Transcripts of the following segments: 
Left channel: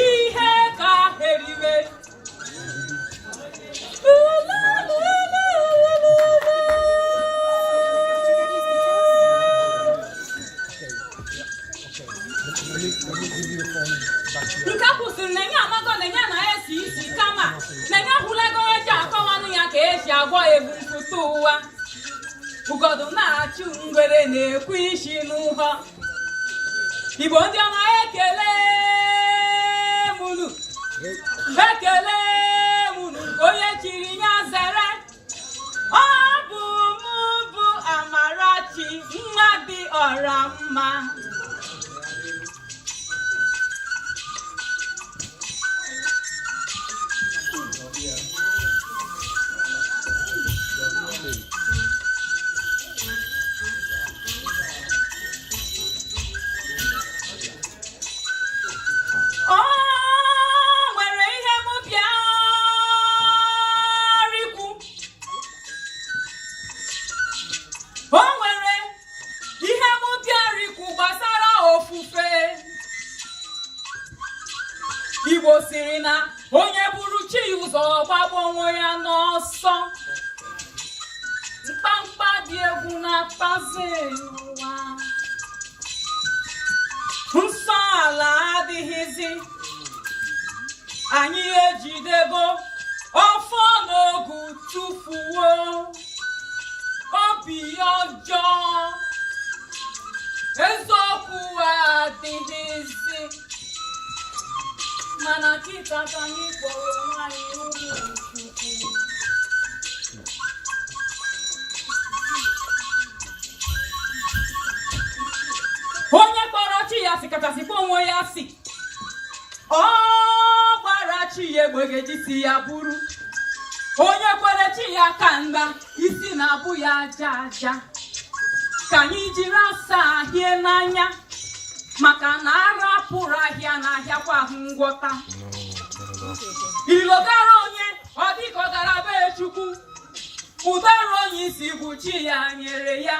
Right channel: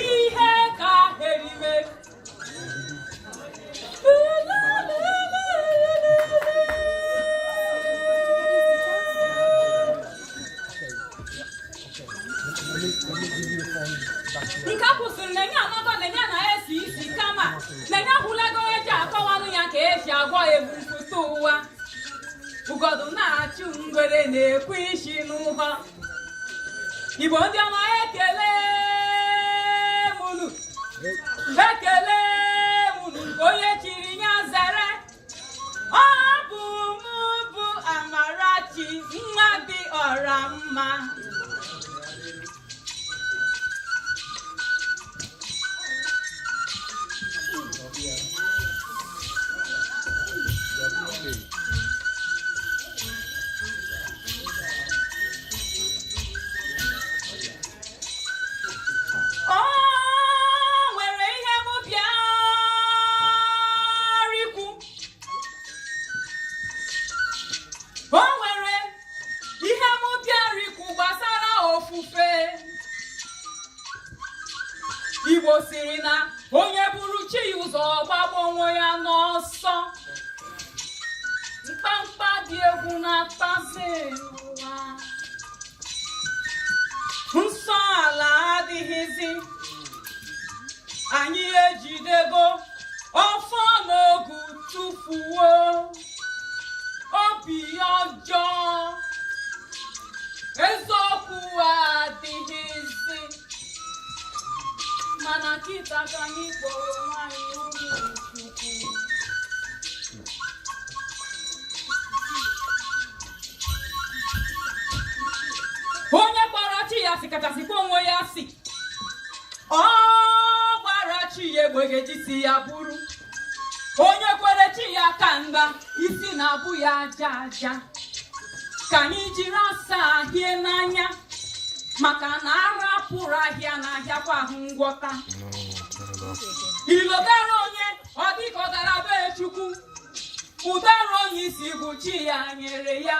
Ihe ka eriwe nke kwụsịrị na enye amago na enye na-esi isi kama na enye hụlago eji akọwanụ ya ka esi agwọ egwu mpụta ụwa ugodu na-achụ ngwere na-ekwu isi n'ụhọ Igbo ndị ọma ekele mụnụ onye chiri ya zere ọ bụ mụ bụ Amarachi nwa dị ọra mma Igbo siri na onye buru chi ụzọ gbagbo onwe ya n'ọsọ mkpamkpa dị egwu na-akpazi ụwa nsọ ala adịghịzi anyị ejidego ọfọ n'ogu tufuo obi ọjọọ eziokwu adịghịzi mana kita ka anyị kpọrọ nwanyị ụmụ Chukwu onye kpọrọ chi ya si kachasịkwa onwe ya si ọ gbara chi ya egbegejisi ya bụrụ onye kwere chi ya ka mgba isi na-abụ ya aja aja ka anyị jiri asa ahịa n'anya maka na arapụrụ ahịa n'ahịa kwa ahụ ngwọta ilogara onye ọ dịka ọ dara be Chukwu ụdara onye isi bụ chi ya nyere ya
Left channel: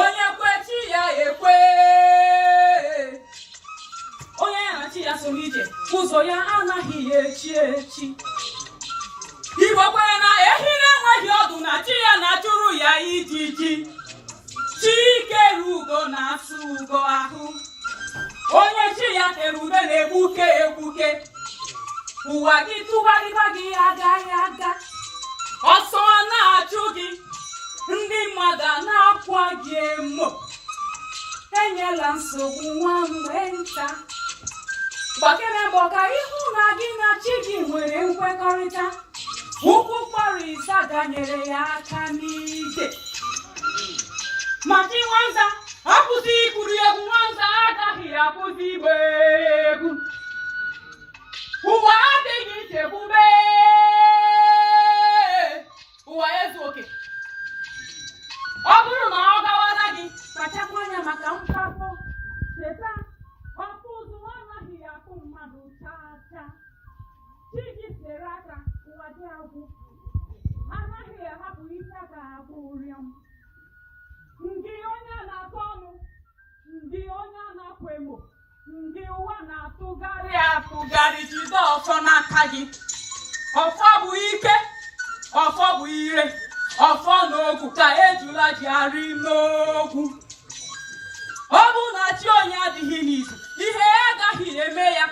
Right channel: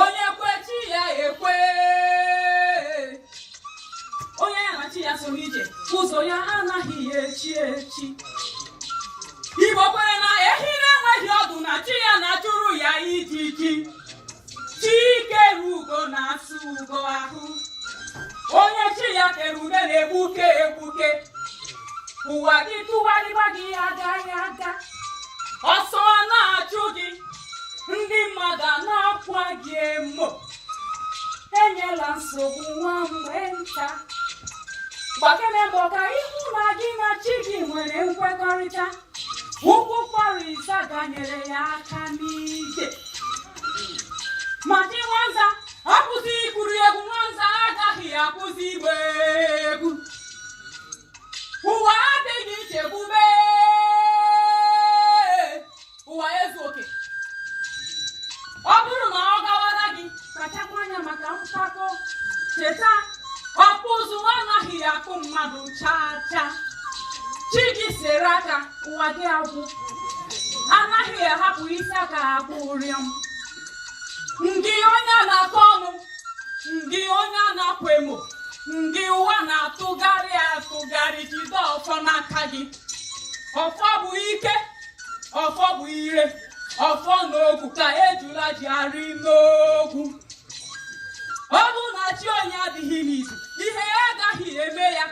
onye kwe chi ya ekwe onye ya na chi ya so n'ije ụzọ ya anaghị echi echi Igbo kwere na ehi na-enweghị ọdụ na chi ya na-achụrụ ya ijiji Chikere ugo na-asụ ugo ahụ onye chi ya tere ume na-egbuke egbuke ụwa gị tụgharịba gị agaghị aga ọsọ na-achụ gị ndị mmadụ na-akwa gị emo enyela nsogbu nwa mgbe nta gbakere mbọ ka ịhụ na gị na chi gị nwere nkwekọrịta ụkwụ kpọrọ ịzaga nyere ya aka n'ije ma chi nwanza akwụsị ikuri egwu nwanza agaghị akwụsị igba egwu ụwa adịghị nchekwube ụwa ezu oke ọ bụrụ na ọ gawara gị kpachakwa anya maka mpako cheta ọkpụ ụzụ anaghị akụ mmadụ chaa chaa chi gị sere aka ụwa gị agwụ anaghị ahapụ isi aka akpụ ụrịọm ndị onye na-akọ ọnụ ndị onye na-akwa emo ndị ụwa na-atụgharị atụgharị jide ọfọ n'aka gị ọfọ bụ ike ọfọ bụ ire ọfọ n'ogwu ka ejula ji arị n'ogwu ọ bụ na chi onye adịghị n'izu ihe ya agaghị eme ya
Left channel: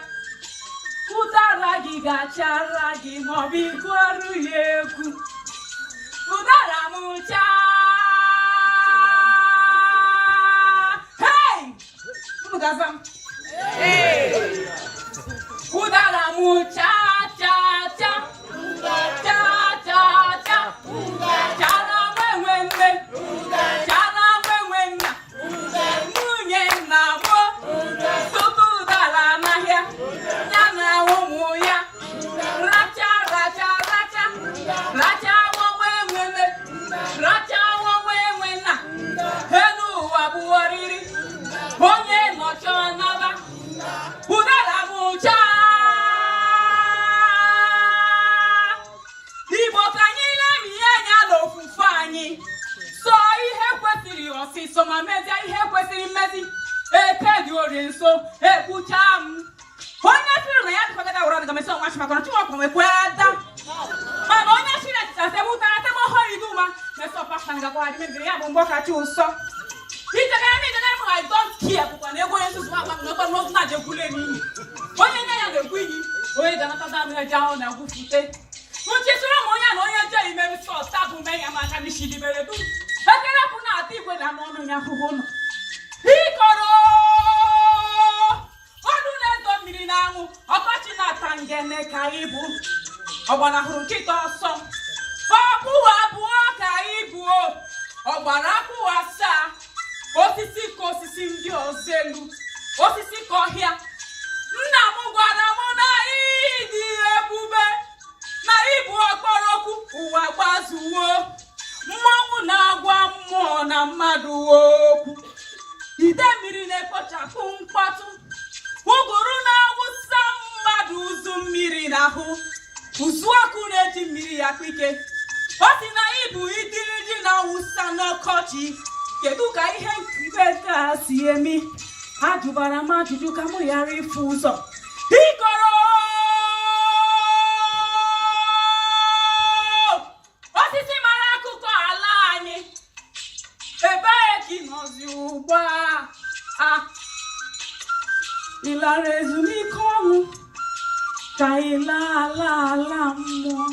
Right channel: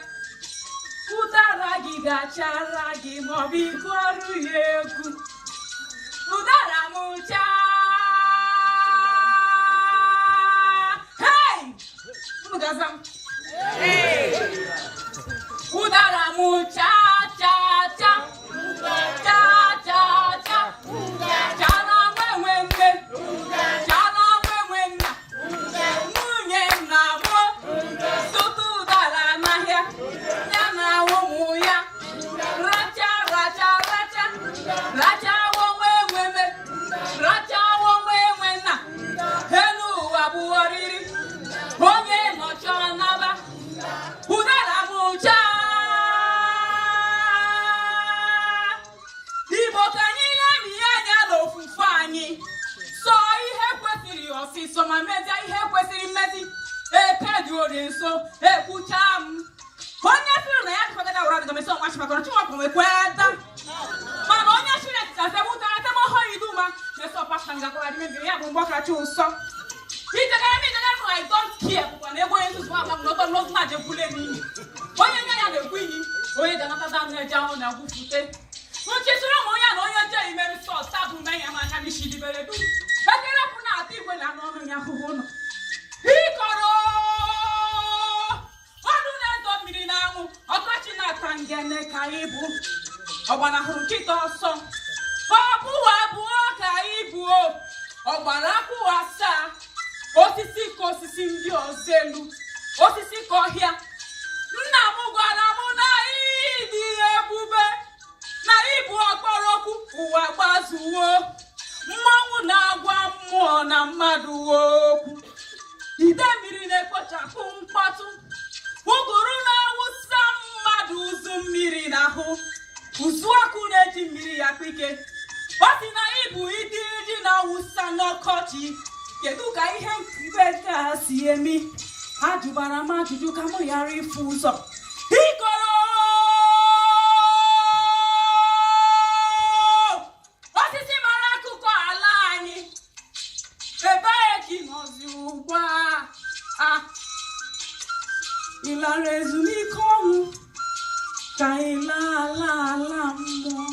ụdara gị ga-achara gị maọbụ ịgụọrụ ya egwu ụdara m chaa Gazam. Udara mu cha cha cha cha cha cha chara wenwe chara wenwe munye na mo soto udara na ya ya na ụmụ ya racha racha racha racha wenwe racha wenwe na henu abuoriri onye nọchọ naba ụdara m chaa dị ori nso ekwucha m onye sịrị na ya dịkọta ga wara dịgọmesi ọnwa chi maka na chinwakwa mekweta mana onye sịrị asebụtara tebe ọhụrụ iduma mesọ pasta ngakwara dị mebiri ya bụ mgbọ kacha ụsọ itegara m itegara m I don't care bụkwa na ego onye nzuzu agba m n'ọtọ n'otu na-ajekwule m iyi onye nye ya na-ekwu iyi onye ga-anata damị eje ahụ na-agwụfute nchịsịrị m onye na onye je imeri sọs tabụ mee ya maka n'isi libere dum ekere pụ na-ata igwe na n'ọnụ ya ahụhụ nọ ịkọrọ ọnụ na-edo mmiri n'anwụ ọkọchị na-ata ngene ka ịbụ ọgbanahụrụ nkịta ọsọ ọkpụwa abụọ ka ịbụ ọgbara akpụwa asaa osisi ka osisi ndị ọzọ elu osisi ka ọhịa nna m gwara m na ịdị ebube na ịbụ ọkpọrọkwu ụwa gbazuo mmanwụ na-agwa mmụọ na mmadụ okwu ide mmiri na-ekpochapụ mkpọtụ ụgụrụ na-awụsa mmadụ ụzụ mmiri n'ahụ ụzụ ọkụ na-eji mmiri ya ike ọ sị na ịbụ iji na-awụsa n'ọkọchị kedu ka ihe nkiri ka si emi ajụbara m ajụjụ ka mụ ghara ịfụ ụzọ ịkọrọ osisi mara akụkọ ala anyị ebee ka ị nọzi ugbu a ị lara ezumike ọnwụ ka ị laa ala mmụọ